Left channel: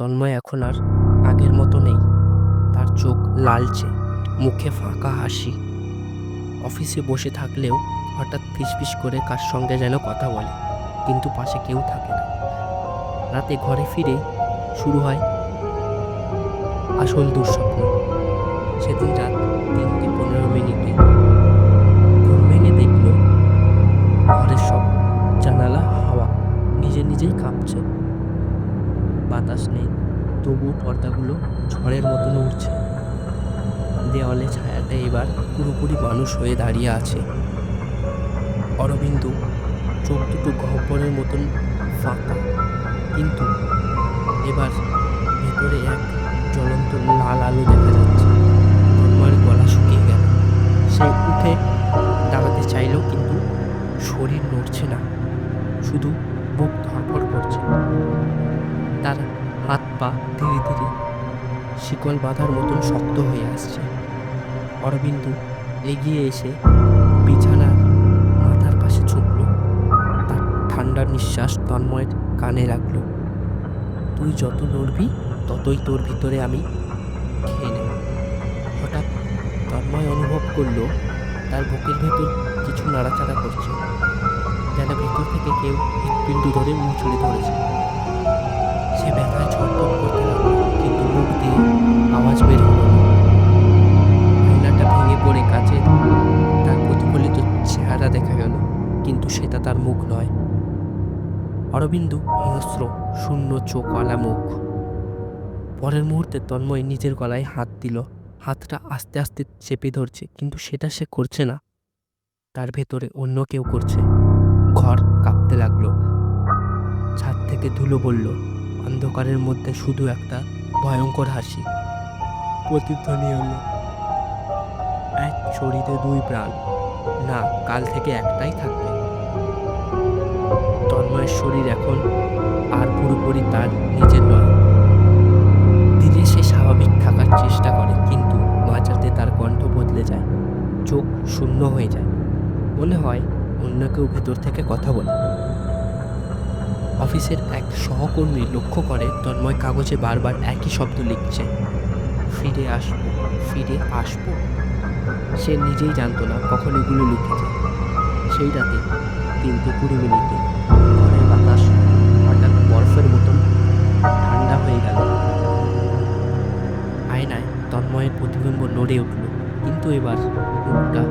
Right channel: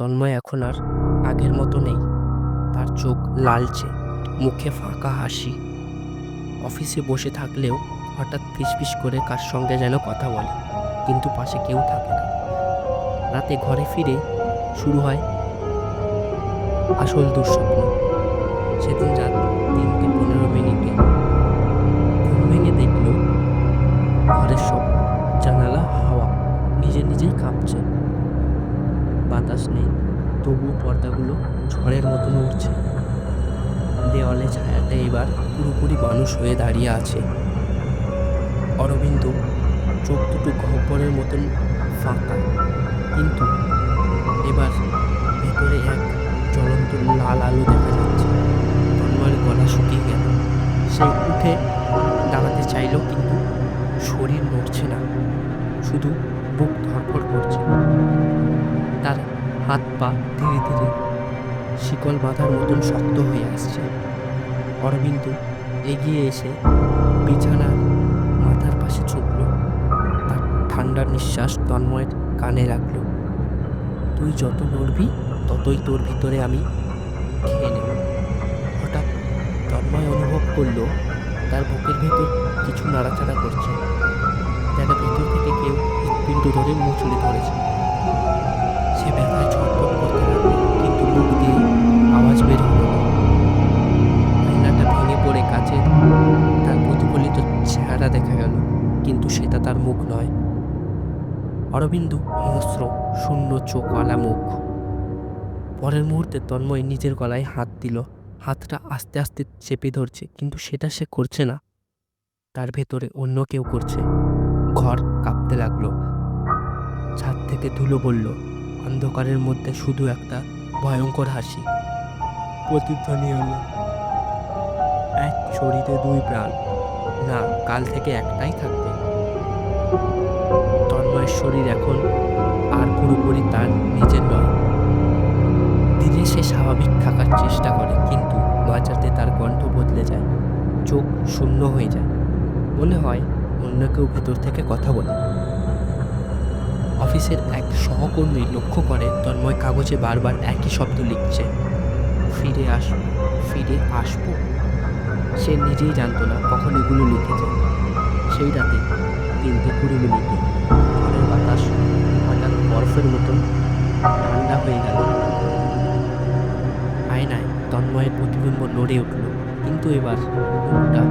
তন্ময় এখন আর আগের মতো নেই। তার চোখ লালচে, মুখে ফাঁকা হাসি। অফিসে বসে থাকলেও হঠাৎ ফিসফিস করে কার সঙ্গে যেন কথা বলে, কিন্তু পাশে কেউ থাকে না। রাতে ঘরে ফিরে শুরু হয় আসল দুঃস্বপ্ন। সেদিন রাত 3:15 ঘুম ভেঙে দেখল ঘরের সব জানালা হাওয়া নিজে নিজেই কাঁপছে। বাতাস নেই, তবু পর্দাগুলো ঝড়ের মতো নড়ছে। দেওয়ালে ছায়াটা এবার পুরোপুরি মানুষ হয়ে দাঁড়িয়ে আছে। অরবিন্দ চোখ দুটো গহ্বরের মতন ফাঁকা, কিন্তু এবার ভেতরে এক জ্বলন্ত লাল আলো দেখা যাচ্ছে। তন্ময়ের গলা শুকিয়ে গেল। সে উঠে দাঁড়াতে চাইল, কিন্তু শরীর নড়ছে না, শুধু বুক ধড়ফড় করছে। তার হাত পা ধীরে ধীরে শিকল বাঁধার মতন শক্ত হয়ে আসছে। অরবিন্দ এগিয়ে এসে বিছানার মাথার পাশে ঝুঁকল। তার ঠান্ডা নিঃশ্বাস তন্ময়ের কানে লাগল। তুই যত নড়বি ততই তোর ভিতরে আমি খেয়ে নেব। হঠাৎ তন্ময় অনুভব করলো তার বুকের ভেতর কিছু নাড়াচাড়া করছে, যেন ভিতর থেকে কেউ হৃৎপিণ্ড ধরে মুচড়ে ধরেছে। সে ব্যথায় ছটফট করতে লাগলো, কিন্তু মুখ দিয়ে আওয়াজ বের হলো না। আয়নাটা ভেঙে পড়ে কাছে তার প্রতিফলিত চেহারা দেখা গেল, কিন্তু সেটা তার মুখ নয়। অরবিন্দ হিংস্র, শূন্য চোখওয়ালা মুখ। পরের মুহূর্তে তন্ময় নিজের গলায় হাত দিল। হাতটা আস্তে আস্তে চেপে ধরছে, কিন্তু সেটা সে করছে না, তার ভেতরে অন্য কেউ করছে। ঘর কাঁপতে লাগলো। ছাদ থেকে ধুলো পড়ল। অন্ধকারের মধ্যে শুধু একটা ভয়ঙ্কর হাসি প্রতিধ্বনি হলো। এক শরীরে দুই প্রাণ, না, কাল থেকে একটাই থাকবে। তন্ময়ের শরীর এখন আর পুরোপুরি তার নিজের নয়। ধীরে সে স্বাভাবিক থাকার চেষ্টা করে, কিন্তু মাঝরাতে তার কণ্ঠ বদলে যায়, চোখ শূন্য হয়ে যায়। মনে হয় অন্য কেউ ভেতর থেকে কথা বলে। অফিসের এক সহকর্মী লক্ষ্য করে তন্ময় কাগজে বারবার একই শব্দ লিখছে, ফিরে আসবো, ফিরে আসবো। সে নিজেই জানতো না কখন এগুলো লিখেছে। সেই রাতে 3:20 ঘরের বাতাস হঠাৎ বরফের মতন ঠান্ডা হয়ে গেল। আয়নায় তন্ময়ের প্রতিবিম্ব নড়ে উঠল, কিন্তু এবার মুখটা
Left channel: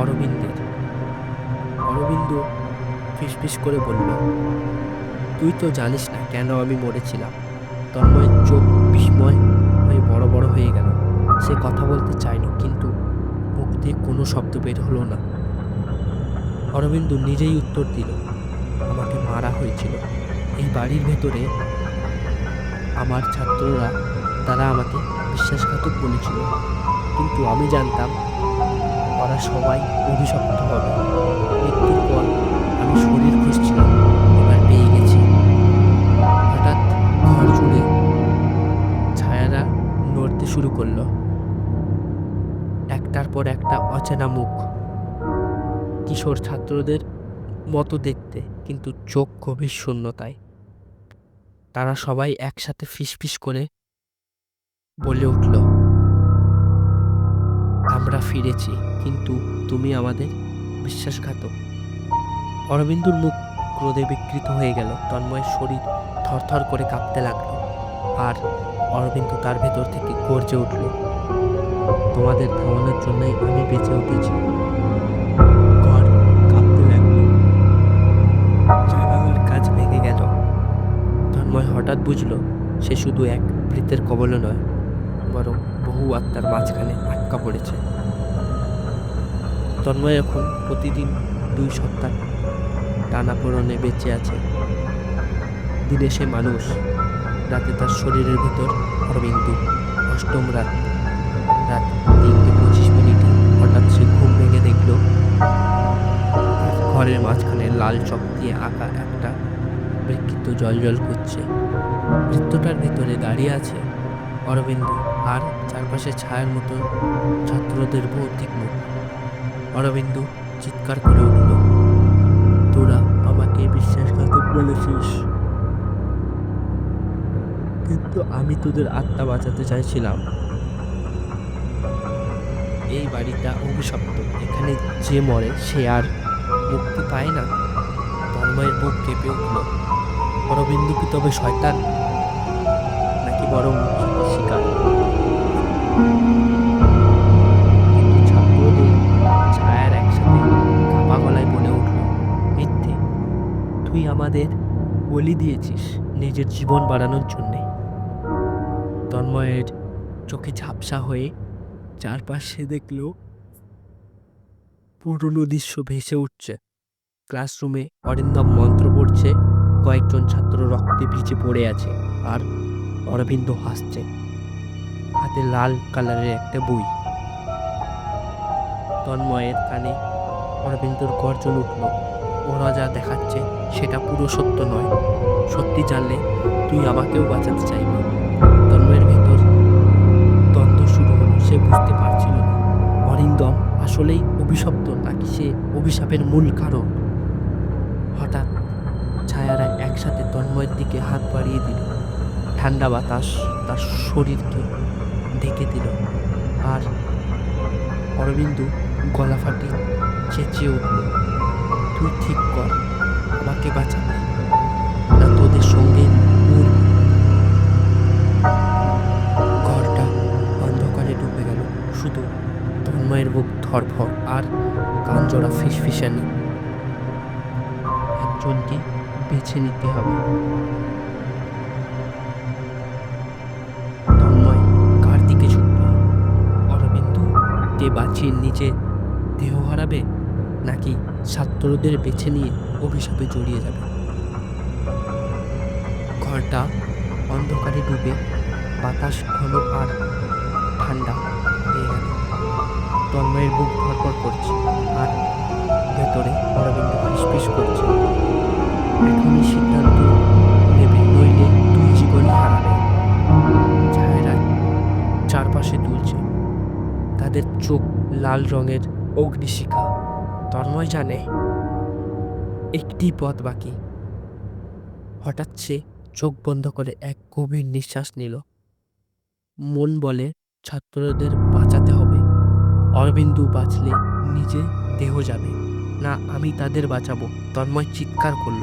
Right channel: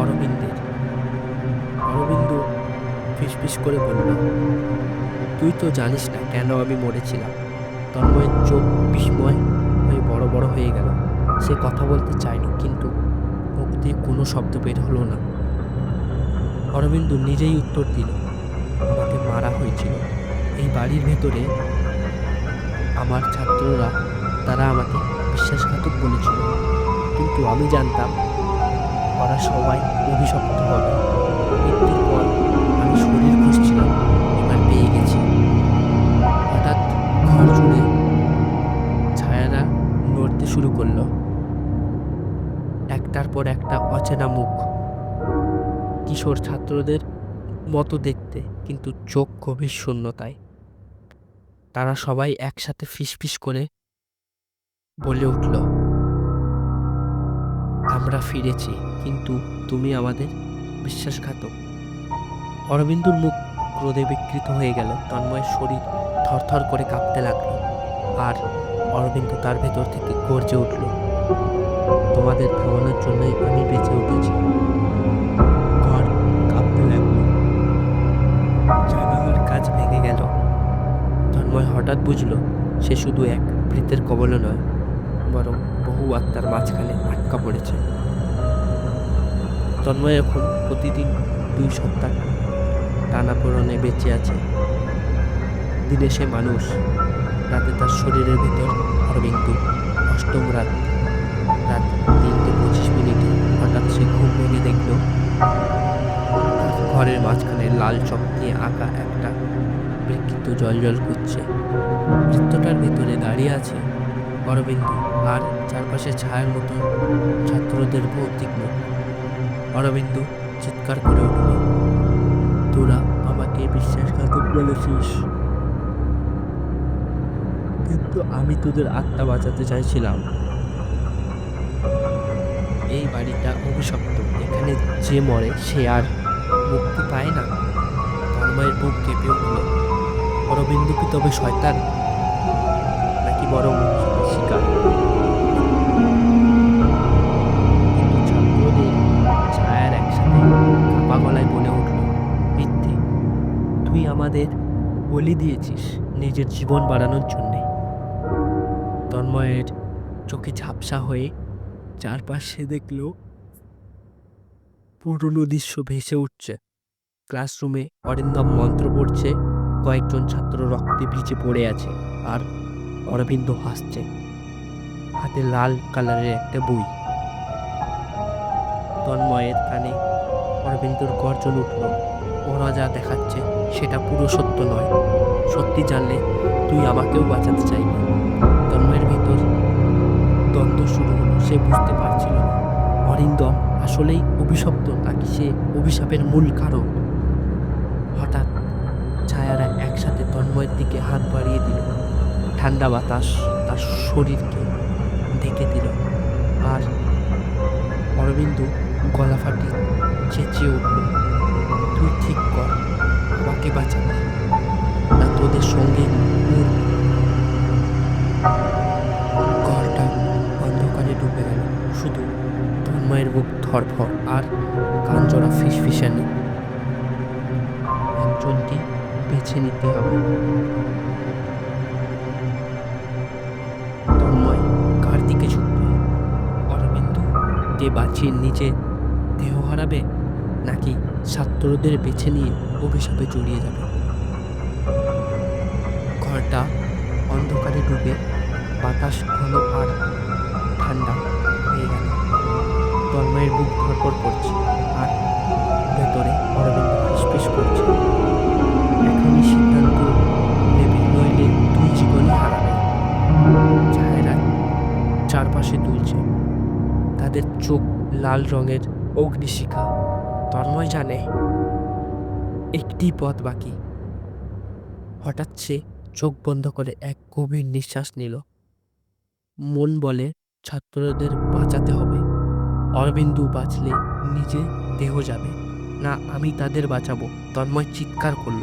অরবিন্দের। অরবিন্দ ফিসফিস করে বলল, তুই তো জানিস না কেন আমি মরেছিলাম। তন্ময়ের চোখ বিস্ময় হয়ে বড় বড় হয়ে গেল। সে কথা বলতে চাইল, কিন্তু মুখ দিয়ে কোনো শব্দ বের হলো না। অরবিন্দ নিজেই উত্তর দিল, আমাকে মারা হয়েছিল এই বাড়ির ভেতরে। আমার ছাত্ররা, তারা আমাকে বিশ্বাসঘাতক বলেছিল, কিন্তু আমি জানতাম ওরা সবাই অভিশপ্ত হবে। মৃত্যুর পর আমি শরীর খুঁজছিলাম, এবার পেয়ে গেছি। হঠাৎ ঘর জুড়ে ছায়ারা নড়তে শুরু করলো। একটার পর একটা অচেনা মুখ, কিশোর ছাত্রদের মতো দেখতে, কিন্তু চোখ গভীর শূন্যতায়। তারা সবাই একসাথে ফিসফিস করে বলে উঠল, আমরা ফিরেছি, কিন্তু তুমি আমাদের বিশ্বাসঘাতক। অরবিন্দুর মুখ ক্রোধে বিকৃত হয়ে গেল। তন্ময়ের শরীর থরথর করে কাঁপতে লাগলো, আর অরবিন্দ তার ভেতর থেকে গর্জে উঠল, তোমাদের থামানোর জন্যই আমি বেঁচে উঠেছি। ঘর কাঁপতে লাগলো। জানালার কাজ ভেঙে গেল। তন্ময় হঠাৎ বুঝল সে শুধু এক ভৃতের কবলে নয়, বরং বহু আত্মার মাঝখানে আটকা পড়েছে। তন্ময় এখন প্রতিদিন 2 সপ্তাহ টানাপোড়েনে বেঁচে আছে। দিনে সে মানুষ, রাতে তার শরীরের ভিতর অরবিন্দ। অষ্টম রাত 3:25 হঠাৎ সে ঘুম ভেঙে দেখল তার ঘরের মাঝখানে লাল চক দিয়ে আঁকা একটা বৃত্ত জল করছে। বৃত্তটার ভেতরে দাঁড়িয়ে আছে অরবিন্দ, আর চারপাশে ছায়ার মতো ছাত্রদের ভৌতিক মুখ। অরবিন্দ চিৎকার করে উঠল, তোরা আমাকে বিশ্বাসঘাতক বলেছিস। কিন্তু আমি তোদের আত্মা বাঁচাতে চাইছিলাম। এই বাড়িটা অভিশপ্ত, এখানে যে মরে সে আর মুক্তি পায় না। তন্ময়ের বুক কেঁপে উঠল। অরবিন্দু কি তবে শয়তান, নাকি বরং মুক্তির শিকার? কিন্তু ছাত্রদের ছায়ার একসাথে কাপা গলায় বলে উঠল, মিথ্যে, তুই আমাদের বলি দিয়েছিস নিজের জীবন বাড়ানোর জন্যে। তন্ময়ের চোখে ঝাপসা হয়ে চারপাশে দেখল পুরনো দৃশ্য ভেসে উঠছে। ক্লাসরুমে অরিন্দম মন্ত্র পড়ছে, কয়েকজন ছাত্র রক্তে ভিজে পড়ে আছে, আর অরবিন্দ হাসছে, হাতে লাল কালারের একটা বই। তন্ময়ের কানে অরবিন্দর গর্জন উঠল, ওরা যা দেখাচ্ছে সেটা পুরো সত্য নয়। সত্যি জানলে তুই আমাকেও বাঁচাতে চাইবি। তন্ময়ের ভিতর দ্বন্দ্ব শুরু হলো। সে বুঝতে পারছিল না অরিন্দম আসলেই অভিশপ্ত নাকি সে অভিশাপের মূল কারণ। হঠাৎ ছায়ারা একসাথে তন্ময়ের দিকে হাত বাড়িয়ে দিল। ঠান্ডা বাতাস তার শরীরকে ঢেকে দিল, আর অরবিন্দু গলা ফাটি চেঁচিয়ে উঠল, তুই ঠিক কর, আমাকে বাঁচাবি না তোদের সঙ্গে মরবি। ঘরটা অন্ধকারে ডুবে গেল, শুধু তন্ময়ের বুক ধরফর আর কান জোড়া ফিসফিসানি। একজনকে বেছে নিতে হবে। তন্ময় কার দিকে ঝুঁকবে? অরবিন্দু কে বাঁচিয়ে নিজে দেহ হারাবে, নাকি ছাত্রদের বেছে নিয়ে অভিশাপে জড়িয়ে যাবে? ঘরটা অন্ধকারে ডুবে বাতাস ঘন আর ঠান্ডা হয়ে গেল। তন্ময়ের বুক ধড়ফড় করছে, আর ভেতরে অরবিন্দ ফিসফিস করছে, এখনই সিদ্ধান্ত নেবে, নইলে তুই জীবনই হারাবে। ছায়ারা চারপাশে দুলছে, তাদের চোখ লাল রঙের অগ্নিশিখা। তন্ময় জানে একটি পথ বাকি। হঠাৎ সে চোখ বন্ধ করে এক গভীর নিঃশ্বাস নিল। মন বলে ছাত্রদের বাঁচাতে হবে। অরবিন্দু বাঁচলে নিজে দেহ যাবে না, আমি তাদের বাঁচাবো। তন্ময় চিৎকার করল।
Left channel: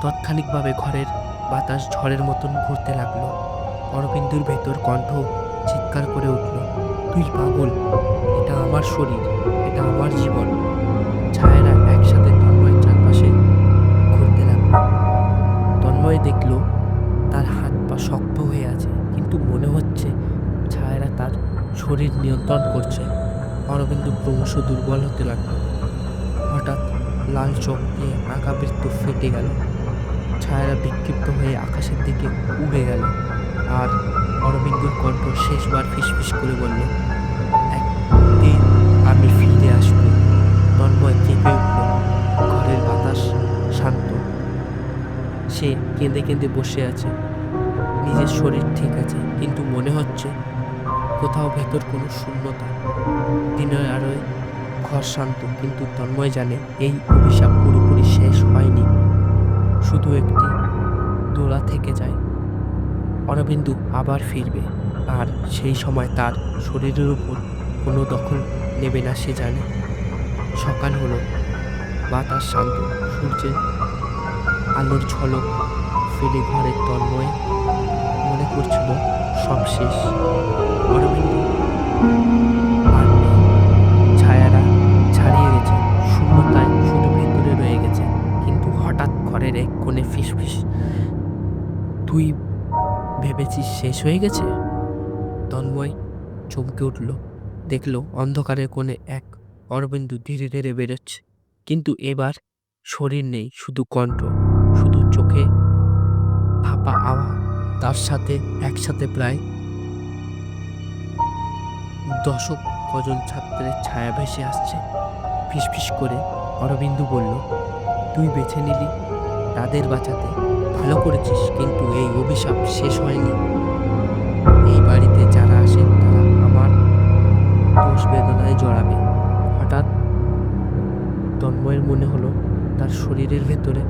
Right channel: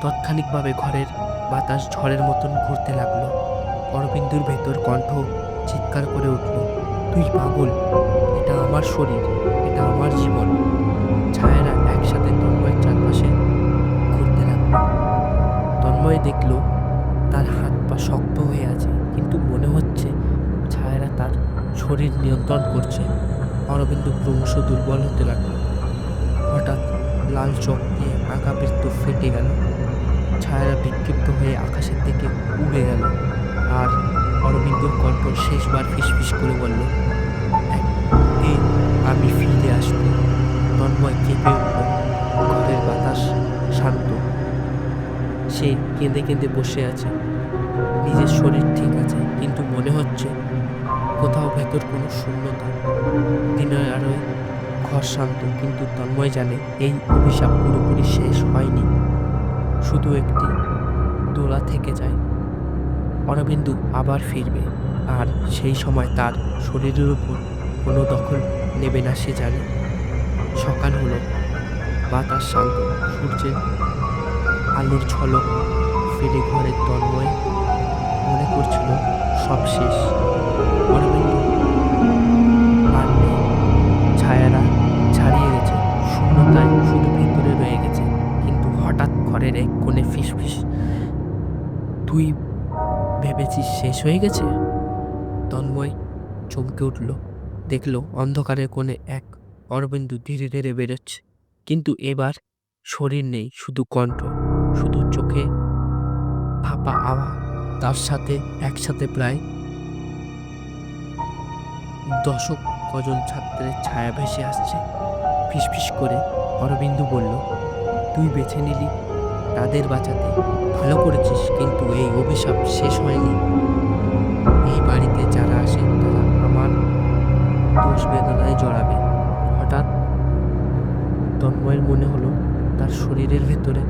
তাৎক্ষণিকভাবে ঘরের বাতাস ঝড়ের মতন ঘুরতে লাগলো। অরবিন্দুর ভেতর কণ্ঠ চিৎকার করে উঠল, তুই পাগল, এটা আমার শরীর, এটা আমার জীবন। ছায়ারা একসাথে তন্ময়ের চারপাশে ঘুরতে লাগলো। তন্ময় দেখল তার হাত পা শক্ত হয়ে আছে, কিন্তু মনে হচ্ছে ছায়ারা তার শরীর নিয়ন্ত্রণ করছে। অরবিন্দু ক্রমশ দুর্বল হতে লাগলো। হঠাৎ লাল চোখ দিয়ে আঁকাবৃত্ত ফেটে গেল। ছায়ারা বিক্ষিপ্ত হয়ে আকাশের দিকে উড়ে গেল, আর অরবিন্দুর কণ্ঠ শেষবার ফিসফিস করে বলল, একদিন আমি ফিরে আসবো। তন্ময় কেঁপে উঠল। ঘরের বাতাস শান্ত। সে কেঁদে কেঁদে বসে আছে। নিজের শরীর ঠিক আছে, কিন্তু মনে হচ্ছে কোথাও ভেতর কোনো শূন্যতা। দিনের আলোয় ঘর শান্ত, কিন্তু তন্ময় জানে এই অভিশাপ পুরোপুরি শেষ হয়নি, শুধু একটি দোলা থেকে যায়। অরবিন্দু আবার ফিরবে, আর সেই সময় তার শরীরের উপর কোনো দখল নেবে না সে জানে। সকাল হলো, বাতাস শান্ত, সূর্যের আলোর ঝলক ফেলে ঘরে তন্ময় মনে করছিল সব শেষ। অরবিন্দু আর নেই, ছায়ারা ছাড়িয়ে গেছে, শূন্যতায় শুধু ভেতরে রয়ে গেছে। কিন্তু হঠাৎ ঘরের এক কোণে ফিসফিস, তুই ভেবেছিস শেষ হয়ে গেছে? তন্ময় চমকে উঠল, দেখল অন্ধকারের কোণে এক অরবিন্দু ধীরে ধীরে বেরোচ্ছে, কিন্তু এবার শরীর নেই, শুধু কণ্ঠ, শুধু চোখে ফাঁপা আওয়াজ। তার সাথে একসাথে প্রায় দশক কজন ছাত্রের ছায়া ভেসে আসছে। ফিসফিস করে অরবিন্দু বলল, তুই বেছে নিলি তাদের বাঁচাতে, ভালো করেছিস, কিন্তু এই অভিশাপ শেষ হয়নি। এই বাড়িতে যারা আসে তারা আমার দোষ বেদনায় জড়াবে। হঠাৎ তন্ময়ের মনে হলো তার শরীরের ভেতরে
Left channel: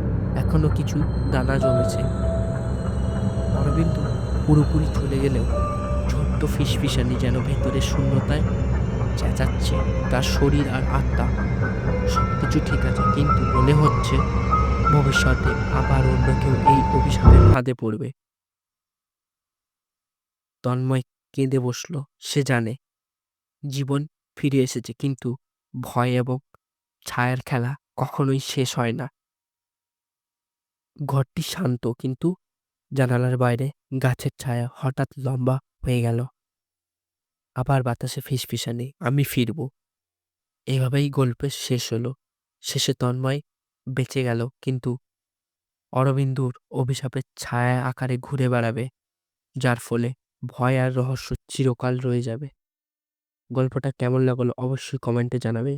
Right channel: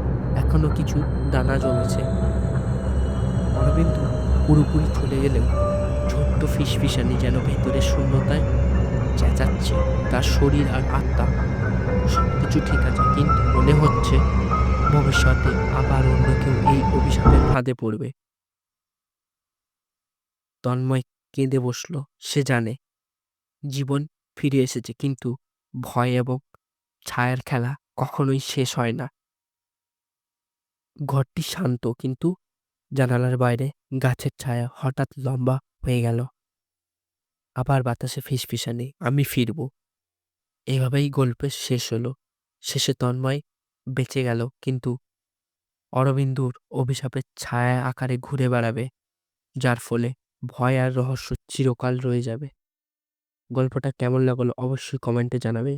এখনো কিছু দানা জমেছে। অরবিন্দু পুরোপুরি চলে গেলেও ছোট্ট ফিসফিসানি যেন ভেতরের শূন্যতায় চেঁচাচ্ছে। তার শরীর আর আত্মা সবকিছু ঠিক আছে, কিন্তু মনে হচ্ছে ভবিষ্যতে আবার অন্য কেউ এই অভিশাপের ফাঁদে পড়বে। তন্ময় কেঁদে বসল। সে জানে জীবন ফিরে এসেছে, কিন্তু ভয় এবং ছায়ার খেলা কখনোই শেষ হয় না। ঘরটি শান্ত, কিন্তু জানালার বাইরে গাছের ছায়া হঠাৎ লম্বা হয়ে গেল। আবার বাতাসে ফিসফিসানি, আমি ফিরব। এভাবেই গল্পের শেষ হলো। শেষে তন্ময় বেঁচে গেল, কিন্তু অরবিন্দুর অভিশাপের ছায়া আকারে ঘুরে বেড়াবে, যার ফলে ভয় আর রহস্য চিরকাল রয়ে যাবে। গল্পটা কেমন লাগলো অবশ্যই কমেন্টে জানাবে।